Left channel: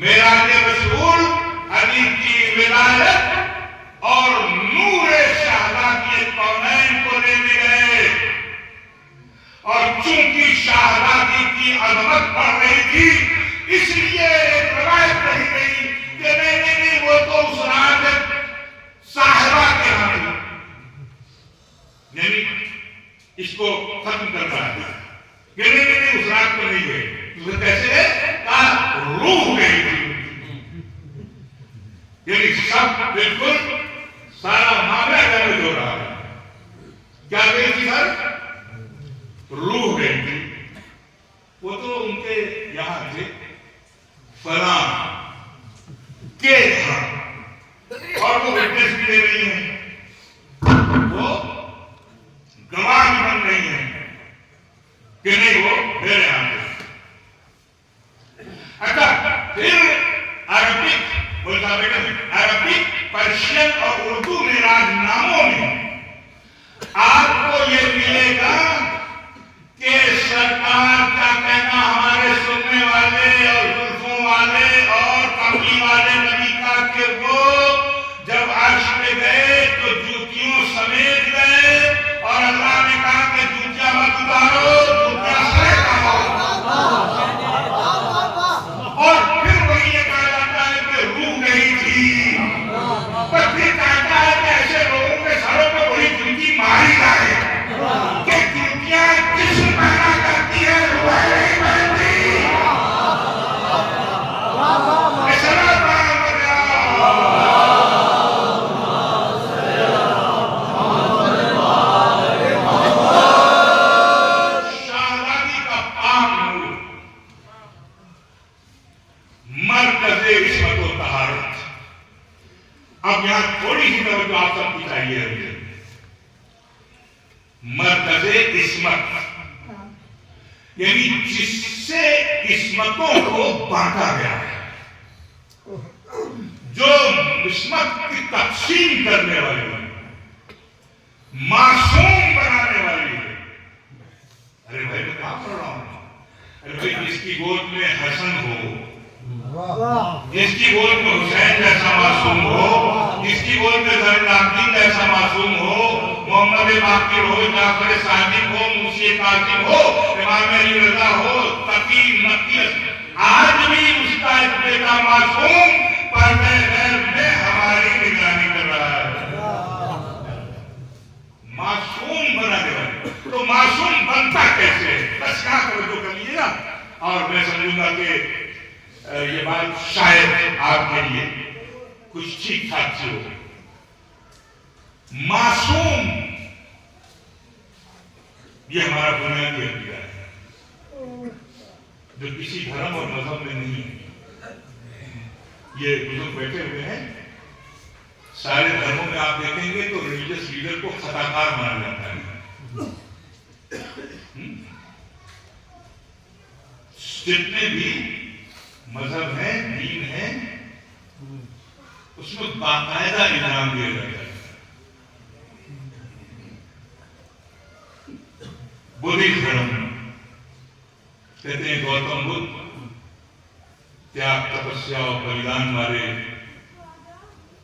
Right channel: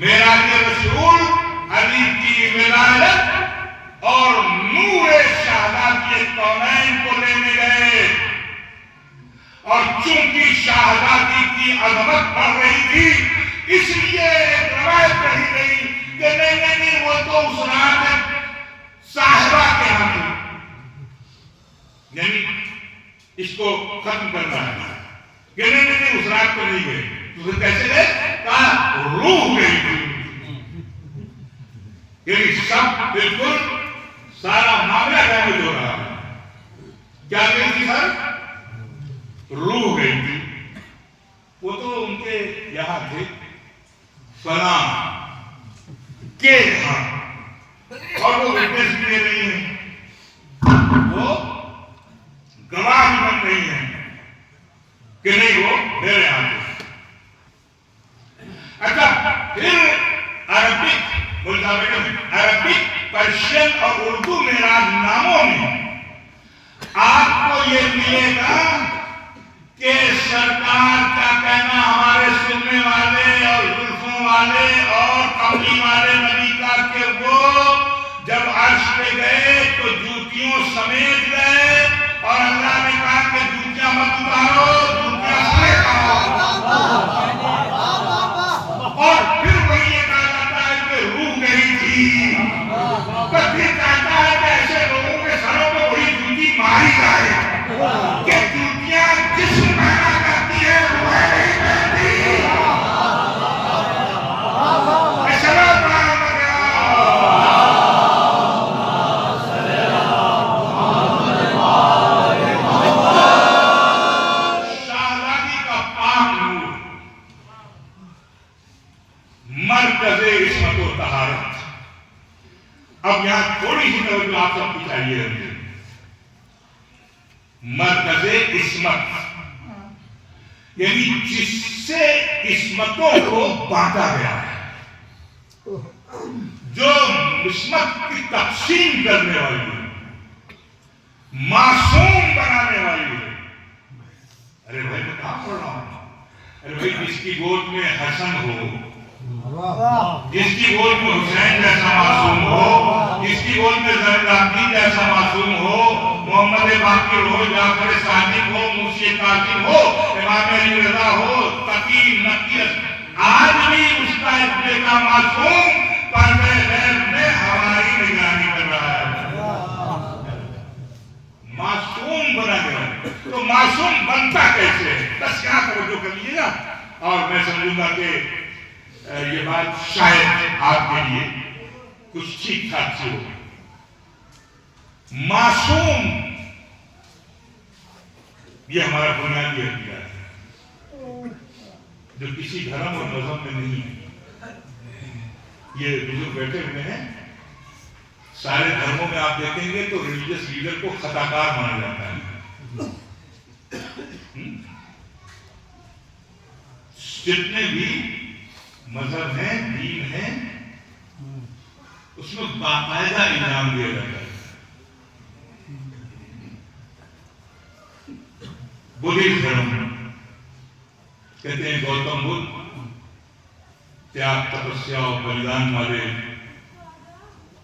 معراج رسول علی کی ولایت اور نور شہزادی کونین کو لینے گئے، اور چونکہ شہزادی کی عظمت بڑھ رہی تھی اس لیے ایک روایت کہی گئی کہ نہیں وہ تو اس رات صاحبہ کے ہاں تھی، یعنی اس کو ختم کرنا ہے کہ نہیں اس رات کو نہیں گئے، تو کیسے گئے؟ کہا روح گئی تھی، یعنی سب بالکل سارا معاملہ ڈیمیج ہو رہا ہے. کیا گئی تھی سر؟ روح گئی تھی. وہ تو ان کے یہاں تھے فلاں کے یہاں، اور وہ وٹنس بھی دے رہی ہیں، وہ گواہ بھی بن رہی ہیں کہ نہیں وہ میرے یہاں تھے. اچھا پھر عربک پرشین اور اردو معراج ناموں میں آپ کو یہ ملے گا کہ سرکار کا کہنا ہمارے سننے والے اور زلفوں والے اور کملی والے نبی کا کہ وہ جب عرش پہ گئے تو جوتیوں سمیت گئے، اور اللہ نے کہا کہ جوتیاں مت اتارو، جوتیاں سمیت آؤ. اور پھر وہی یہ کہا جاتا ہے کہ روح گئی تھی، پر پھر کہتا ہے کہ ایسے لوگوں کے سروں پہ وہی جوتی ماری جائے کہ جوتیاں جسم پیدا کرتی ہے، روح نہیں پہنتی. اب یہاں تھوڑی سی توجہ آپ سب کی چاہیے. مرکز عصمت یعنی جس سے عصمتوں کو بانٹا گیا ہے، جو عصمت کی تقسیم کرنے والی ہے، معصوم بنانے والی ہے. ارے بھائی میں کہاں پڑھ رہا ہوں؟ ارے بھائی جس کی گود میں حسن ہو، جس کی گود میں حسین جیسا معصوم ہو، جس کی گود میں زین العابدین جیسا معصوم ہو، محمد باقر ہو، جعفر صادق ہو، موسی کاظم ہو، امام علی رضا ہو، تقی نقی، آج بھی اس کا ایک بیٹا معصوم پردے غیب میں ہماری نگرانی کر رہا ہے. معصوم بنا گیا. تو معصوم بنتا کیسے؟ بس یہاں توجہ کر لیجیے گا، اور میں سمجھوں گا کہ یہ بات شاید آپ کے لیے کچھ ٹھیک ٹھاک سے ہو. معصوم یہ ہمارا بنیادی عقیدہ ہے جو کسی دھرم اور مذہب میں نہیں ہے. یہ بزرگ بیٹھے ہوئے ہیں، سارے دھرموں میں آپ دیکھیں گے تو ریلیجس لیڈر کو خطا کار مانا جاتا ہے. جتنے بھی مذہب ہیں، دین ہیں، اس میں باقاعدہ انعام دیا جاتا ہے. بدھسٹ دھرم کہتے ہیں گوتم بدھ تیاگ، تپسیا اور بلیدان والے،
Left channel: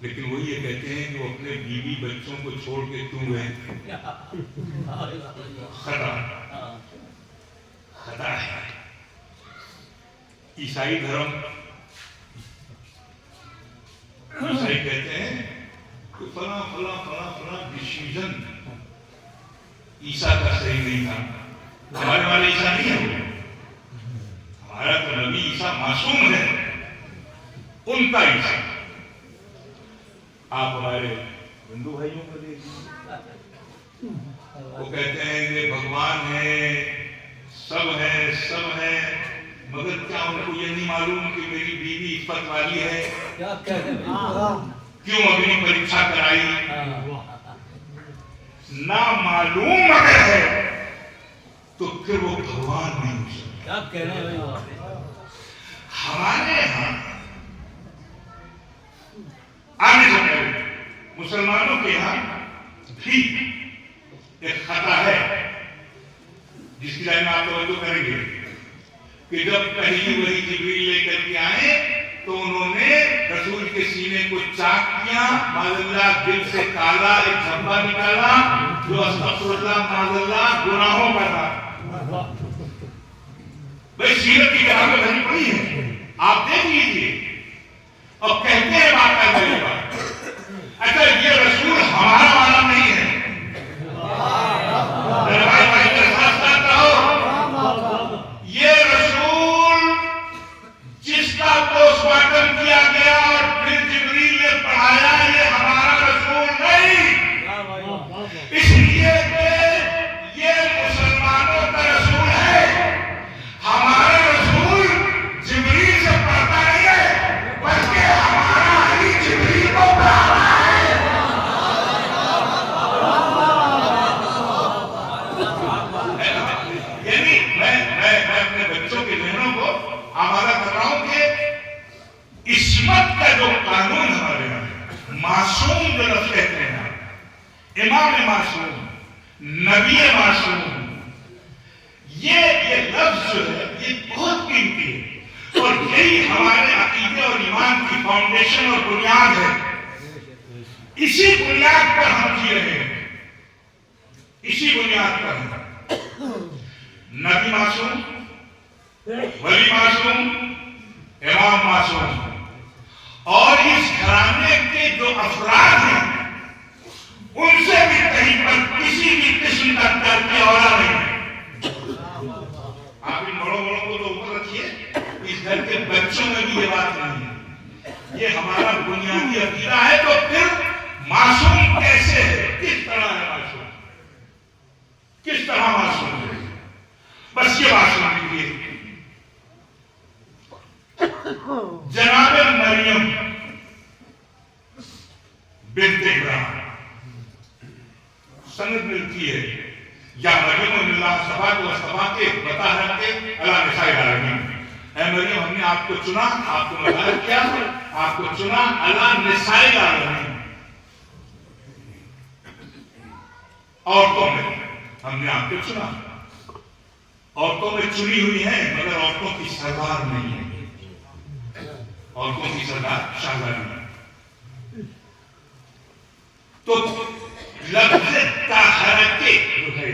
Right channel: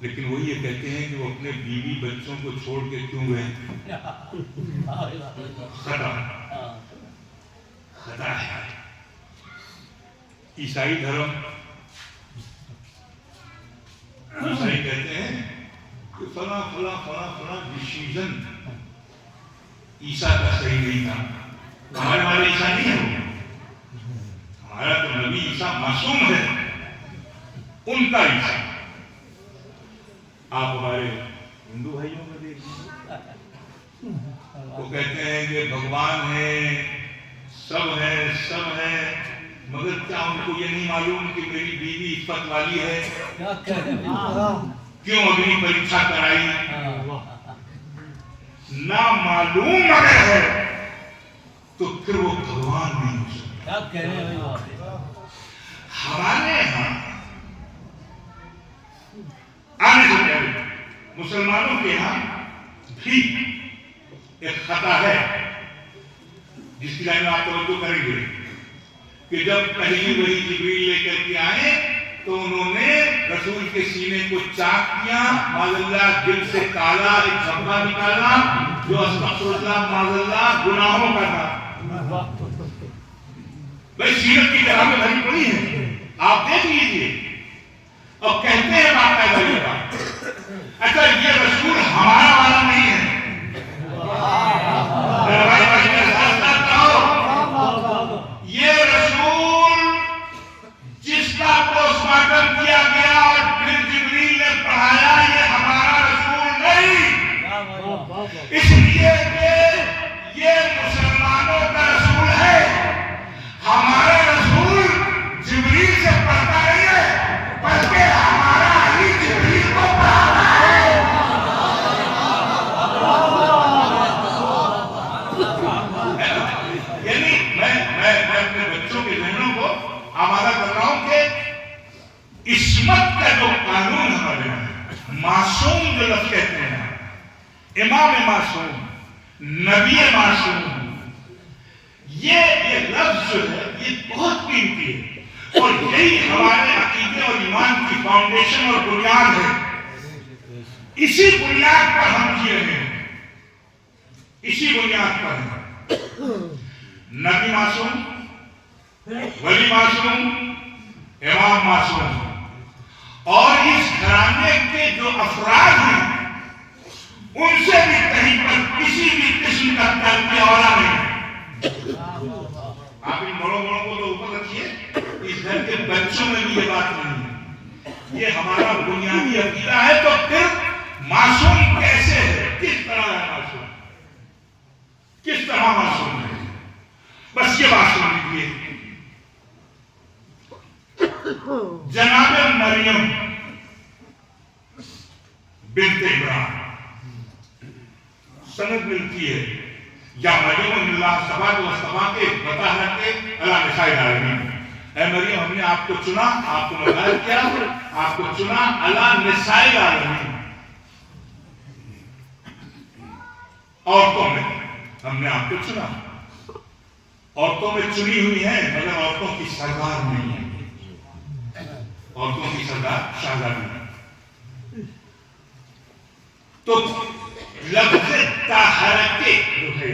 لیکن وہ یہ کہتے ہیں کہ وہ اپنے بیوی بچوں کو چھوڑ کے کیوں گئے؟ خطا ہے. عیسائی دھرم، عیسائی کہتے ہیں کہ فلاں فلاں فلاں فلاں ڈیسیژن عیسیٰ کا صحیح نہیں تھا. ہمارے عیسیٰ نہیں ہے، ہمارا تو نبی عیسیٰ معصوم ہے، ان کا عیسیٰ. آپ ہمارے ہندو بھائیوں کو دیکھیں، وہ کہتے ہیں کہ بھگوان ہے، سب ہے، سب ہے، مگر کیا ان کو یہ نہیں معلوم کہ میری بیوی عفت والی ہے؟ کیوں اگنی پریکشا کرائی؟ نہ معلوم اگر ہے تو پھر وہ بھگوان نہیں ہو سکتا. ہمارے یہاں آنے سے پہلے مسلمانوں کے یہاں بھی ایک خطرہ ہے جس کی جانب آپ توجہ کریں گے کہ جب پہلی وحی جبریل لے کر کے آئے تو انہوں نے رسول کے سینے کو چاک کیا، معذاللہ دل سے کالا ایک دھبا نکالا جو استغفراللہ معذاللہ گناہوں کا تھا۔ بھئی سیرت کی کتابیں بھری پڑی ہیں، آپ دیکھ لیجئے، اور کہتے ہیں باقاعدہ یہ بات۔ اچھا یہ رسول ہمارا والا نہیں ہے، یہ رسول جس کا پوسٹ مارٹم کیا گیا اور پھر جبریل نے پڑھایا، یہ ہمارا رسول نہیں، اس لیے کہ یہ مسلمانوں کا رسول ہے۔ ہمارا رسول جبریل سے پڑھتا نہیں ہے، بلکہ ہمارا علی جبریل کو پڑھاتا ہے۔ یعنی میں اپنے بچوں کے ذہنوں کو آمادہ کر رہا ہوں کہ عصمت کا جو قانون ہمارے یہاں، معصوم جو لفظ کہتے ہیں، امام معصوم، نبی معصوم، یہ لفظ جو ہے یہ بہت قیمتی ہے، اور یہی ہمارے عقیدے اور ایمان کی فاؤنڈیشن اور بنیاد ہے۔ اسی بنیاد پر ہم جی رہے ہیں، اسی بنیاد پر ہیں۔ نبی معصوم، ولی معصوم، امام معصوم، اور اس گھرانے کے جو افراد ہیں ان سے بھی کہیں پر کسی بھی قسم کا ترک اولا نہیں ہے۔ آپ ان بڑوں کو تو اوپر رکھیے، اس گھر کے بچوں میں بھی یہ بات نہیں ہے، یہ ہمارا بنیادی عقیدہ ہے۔ تو پھر معصوم کیسے ہے، کس طرح ہے معصوم، کس طرح معصوم ہے؟ بس یہ بات سن لیجیے، جناب مریم بنت عمران، سند ملتی ہے یا مریم اللہ صفا کو استفا کے بتا رکھے اللہ نساء العالمین، اے مریم ہم نے آپ کو چنا، آپ کو مظاہر کیا، آپ کو چنا اللہ نساء العالمین، عورتوں میں ہم نے آپ کو چنا، عورتوں میں چنی ہوئی ہے مگر عورتوں کی سردار نہیں ہے، عورتوں کی سردار شہزادی ہے۔ تو لفظ طاہرہ جو ہے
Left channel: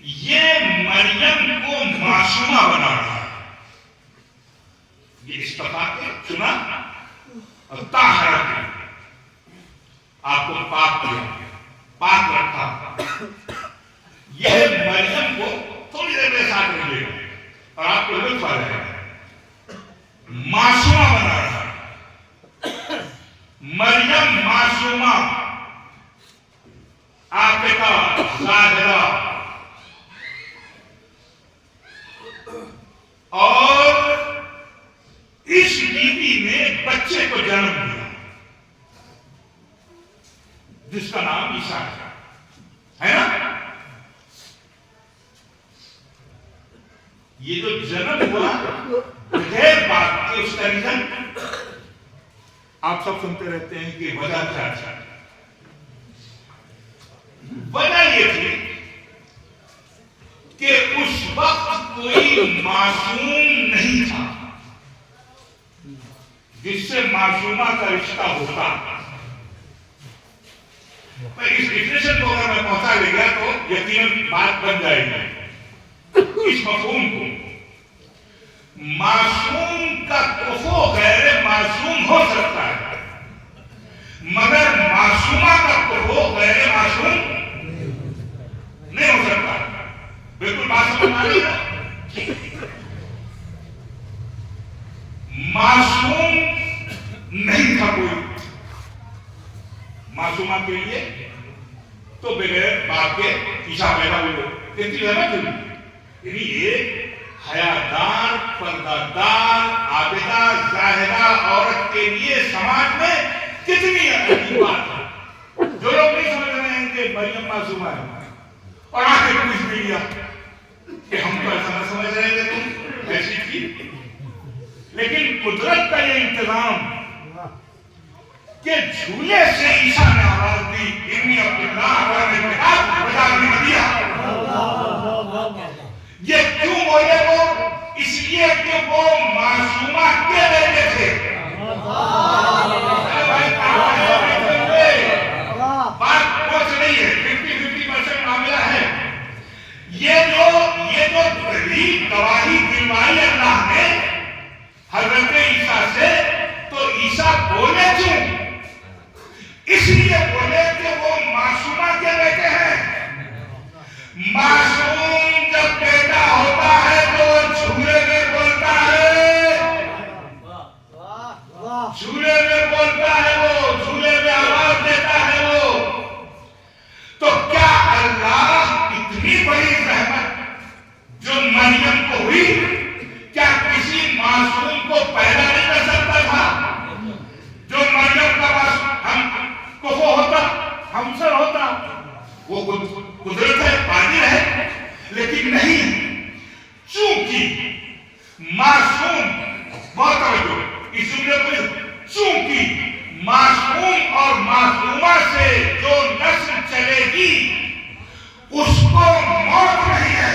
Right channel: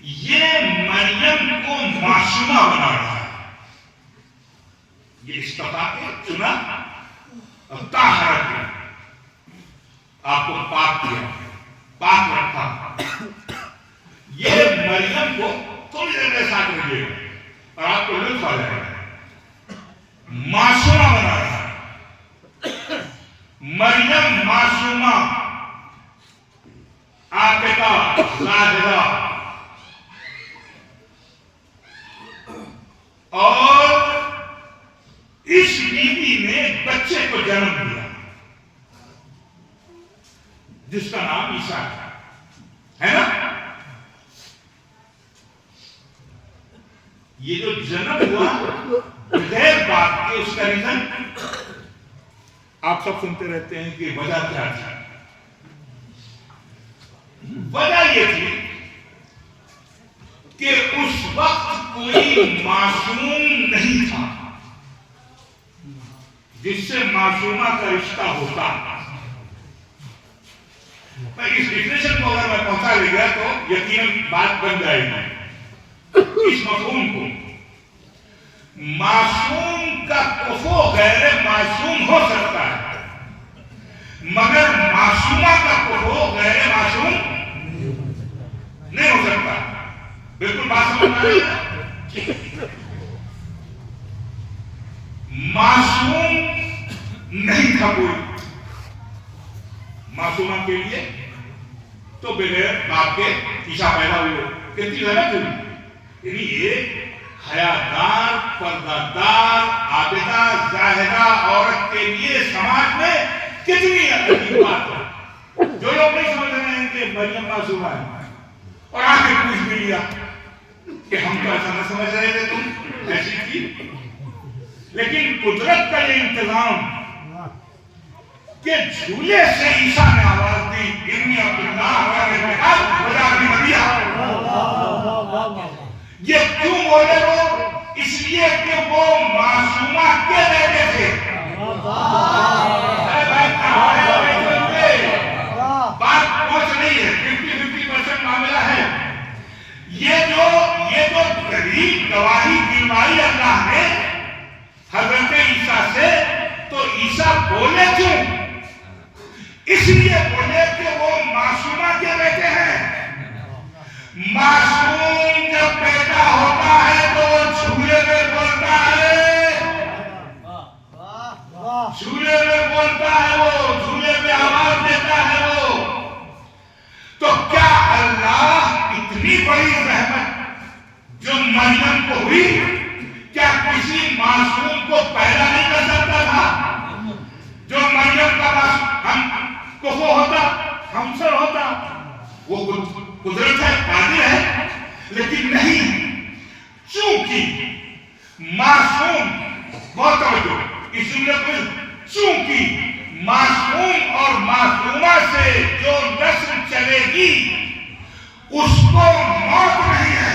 یہ مریم کو معصومہ بنا رہا ہے، یہ استفا کے چنا اور طاہرہ کے آپ کو پاک کیا، پاک رکھا، یہ مریم کو تھوڑی دیر میرے ساتھ رہیے گا اور آپ کو لطف آ جائے گا، معصومہ بنا رہا ہے، مریم معصومہ، عاقبہ، زاہدہ، اور اس بیوی نے بچے کو جنم دیا جس کا نام عیسیٰ ہے نا۔ یہ جو جنم ہوا بغیر بات کے، اس کا ریزن آپ سب سنتے رہتے ہیں کہ وجہ کیا ہے۔ وجہ یہ تھی کہ اس وقت کوئی معصوم نہیں تھا جس سے معصومہ کا رشتہ ہوتا۔ میں اس ڈیفینیشن کو اگر میں پہنچا لے گیا تو یقیناً بات بن جائے گی۔ اس مفہوم کو، معصوم کا کفو غیر معصوم ہو سکتا ہے مگر معصومہ کا کفو غیر معصوم نہیں ہو سکتا۔ بالکل بات سمجھ آ رہی ہے؟ معصوم نہیں تھا کوئی معصومہ کے لیے، تو بغیر باپ کے عیسیٰ پیدا ہوئے، کتنی رحمت ہوئی۔ یعنی ایک حیادار، پردہ دار، عابدہ، زاہدہ عورت کے لیے سماج میں کتنی عجیب بات ہے۔ جو لوگ نہیں سمجھ رہے ہیں کہ مریم معصومہ ہے اور آ کے پوچھ بھی لیا کہ ہم تو ایسا نہ سمجھ رہے تھے تم جیسی تھی، لیکن قدرت کا یہ انتظام کہ جھولے سے عیسیٰ نے آواز دی، انی عبداللہ بجا دی نبیہ۔ یہ کیوں بولے وہ اس لیے کہ وہ معصومہ کے بیٹے تھے. ارے بھائی بات پہنچ رہی ہے. 50% معاملہ ہے. یہ جو دلیل گواہی دلوائی اللہ نے حضرت عیسیٰ سے, تو عیسیٰ بولے کیوں؟ اس لیے بولے کہ وہ معصومہ کے بیٹے ہیں. معصوم جب پیدا ہوتا ہے تو وہ جھولے میں بولتا ہے, جھولے میں بولتا ہے, وہ جھولے میں آواز دیتا ہے. وہ تو کیا اللہ اتنی بڑی رحمت جو مریم کو ہوئی, کیا کسی معصوم کو پیدا نہیں کر سکتا تھا؟ جو مریم کا معصوم ہم کفو ہوتا, ہمسر ہوتا, وہ قدرت ہے, قادر ہے, لیکن نہیں. چونکہ معصوم, بہت توجہ اس جملے میں, چونکہ معصوم اور معصومہ سے جو نسل چلے گی اس کو موت نہیں ہے,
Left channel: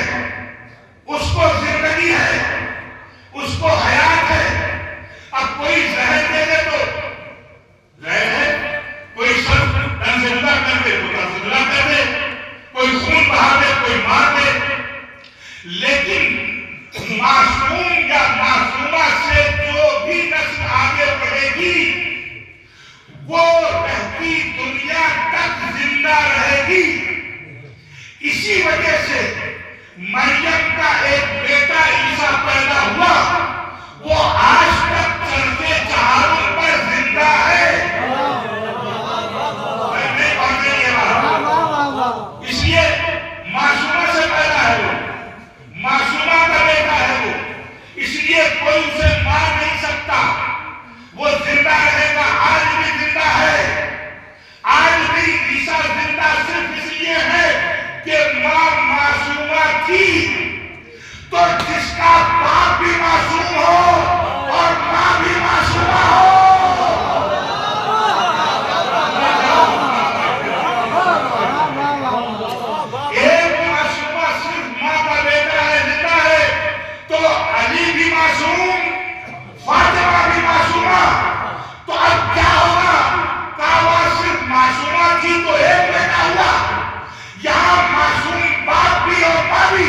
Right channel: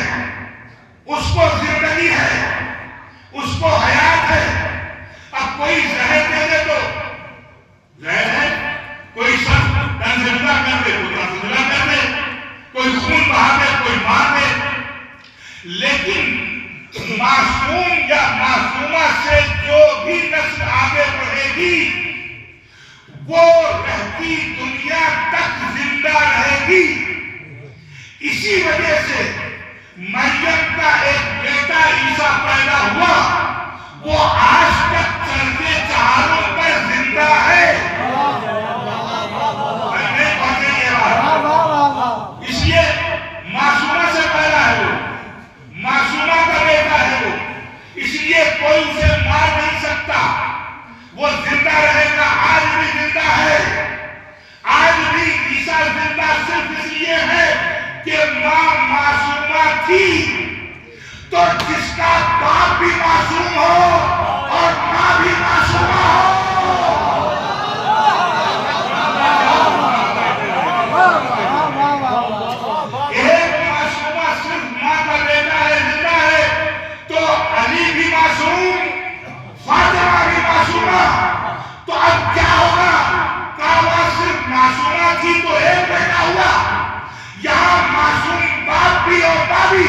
اس کو زندگی ہے, اس کو حیات ہے. اب کوئی زہر دے دے تو زہر ہے, کوئی شخص تن زندہ کر دے تو تن زندہ کر دے, کوئی خون بہا دے, کوئی مار دے. لیکن معصوم یا معصومہ سے جو بھی نسل آگے بڑھے گی وہ رہتی دنیا تک زندہ رہے گی. اسی وجہ سے مریم کا ایک بیٹا عیسیٰ پیدا ہوا, وہ آج تک چلتے چہاروں پر زندہ ہے. نہیں پہنچ رہی ہے بات. اس لیے معصومہ سے پیدا ہے, وہ معصومہ کا بیٹا ہے. وہ اس لیے کوئی اسے مار نہیں سکتا, وہ زندہ رہے گا. آج بھی زندہ ہے, آج بھی عیسیٰ زندہ صرف اس لیے ہے کہ ماں معصومہ تھی. تو جس کا باپ بھی معصوم ہو اور ماں بھی معصومہ ہو, ایک معصومہ صرف ماں کا بیٹا ہے, زندہ ہے, تو علی بھی معصوم, فاطمہ بھی معصومہ. تو اب کیا ہوگا؟ کعبہ صرف معصومہ تھی تو ایک بیٹا ہوا, یہاں معصوم باپ بھی اور ماں بھی,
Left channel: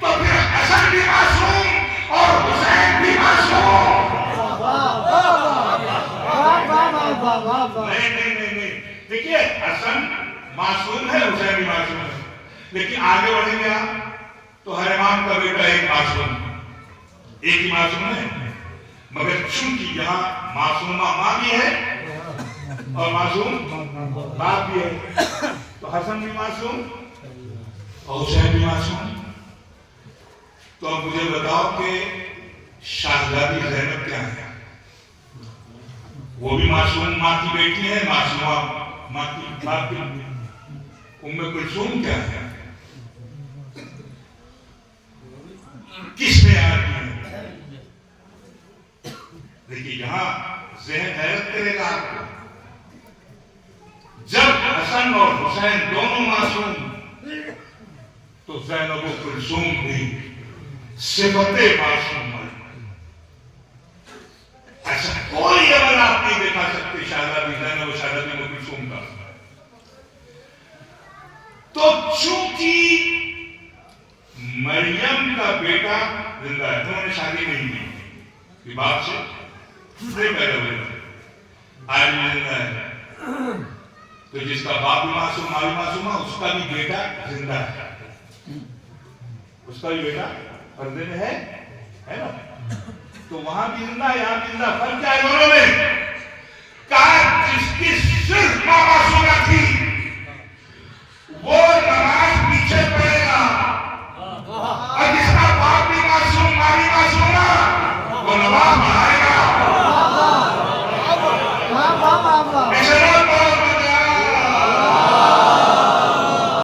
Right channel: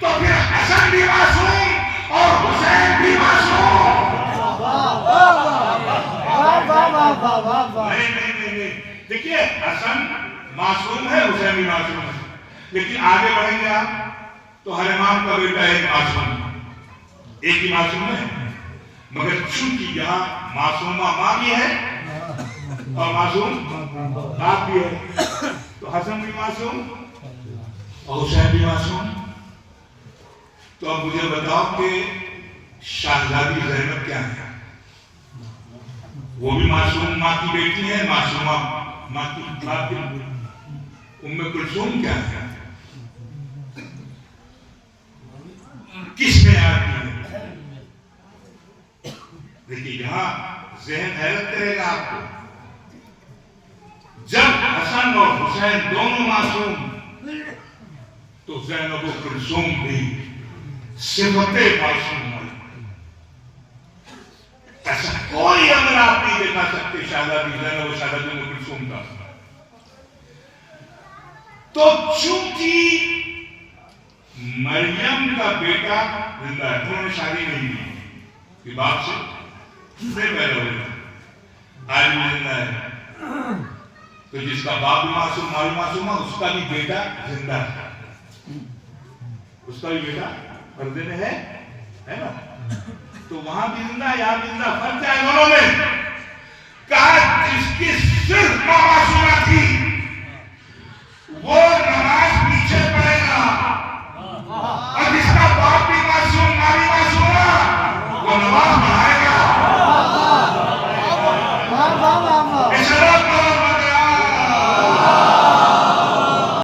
تو پھر حسن بھی معصوم اور حسین بھی معصوم. نہیں, دیکھیے حسن معصوم ہے, حسین بھی معصوم ہے, لیکن آگے بڑھیں گے آپ تو ہر امام کا بیٹا ایک معصوم, ایک ہی معصوم ہے. مگر چونکہ یہاں معصومہ ماں بھی ہے اور معصوم باپ بھی ہے, تو حسن بھی معصوم اور حسین بھی معصوم. تو اب مجھے بتاؤ کہ شہزادی زینب کیا ہے؟ وہ بھی معصوم ماں کی بیٹی ہے, معصومہ ماں کی باپ کی. ام کلثوم کیا ہے؟ کس میں آتی ہے؟ دیکھیے یہاں ذہن حیرت کرے گا آپ کو. جب حسن اور حسین دونوں معصوم تو زینب و کلثوم بھی صفت معصوم ہے. ایسا کوئی عمل آپ نہیں دیکھا سکتے شہزادی زینب و شہزادی ام کلثوم کا. تو چونکہ مریم کا بیٹا زندہ ہے, انہوں نے شادی نہیں کی کہ باپ سے پیدا ہوئے, آج بھی زندہ ہے. تو جس کا باپ بھی معصوم, ماں بھی معصوم ہے, اس کا بھی بیٹا زندہ ہے, اس کا بھی بیٹا پردے میں ہے نا. تو وہاں بھی زندہ ہے, یہاں بھی زندہ. فرق کیا ہے دونوں میں؟